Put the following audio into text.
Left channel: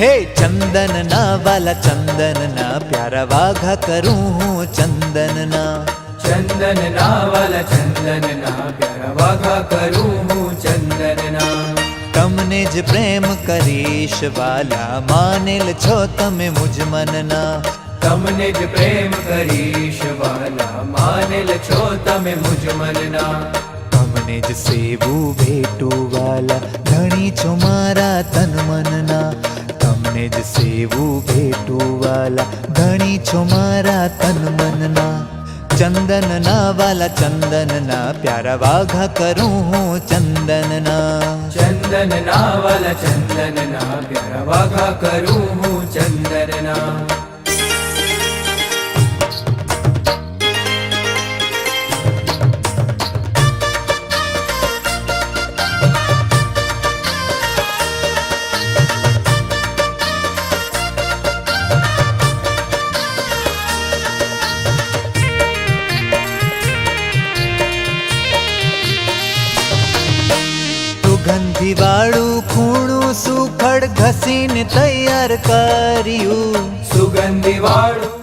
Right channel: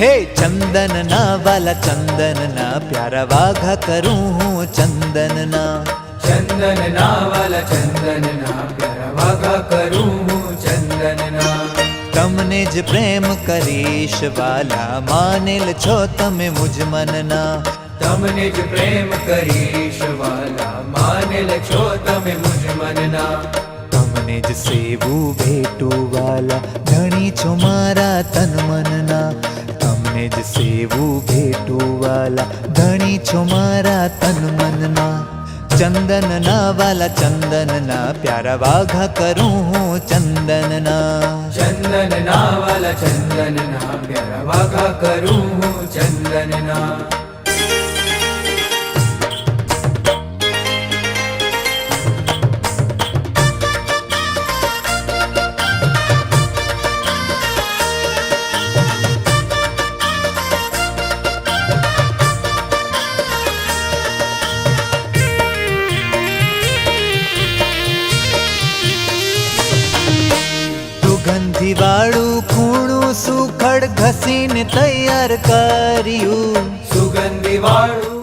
हे चंदन ना वाला चंदन ना प्यारा वाघा करूं हूँ चंदन ना। चंदन ना वाला चंदन ना प्यारा वाघा करूं हूँ चंदन ना। तमने ज प्रेम करीश वाला मानेल छो तमे मुझ मनना। तमने ज प्रेम करीश वाला मानेल छो तमे मुझ मनना। तमने ज सेवू भेटू वाला धणी छो मारा तन मनना। तमने ज सेवू भेटू वाला धणी छो मारा तन मनना। चंदन ना वाला चंदन ना प्यारा वाघा करूं हूँ चंदन ना। चंदन ना वाला चंदन ना प्यारा वाघा करूं हूँ चंदन ना। સુગંધી વાળું ખૂણું સુખડ ઘસીને તૈયાર કર્યું। સુગંધી વાળું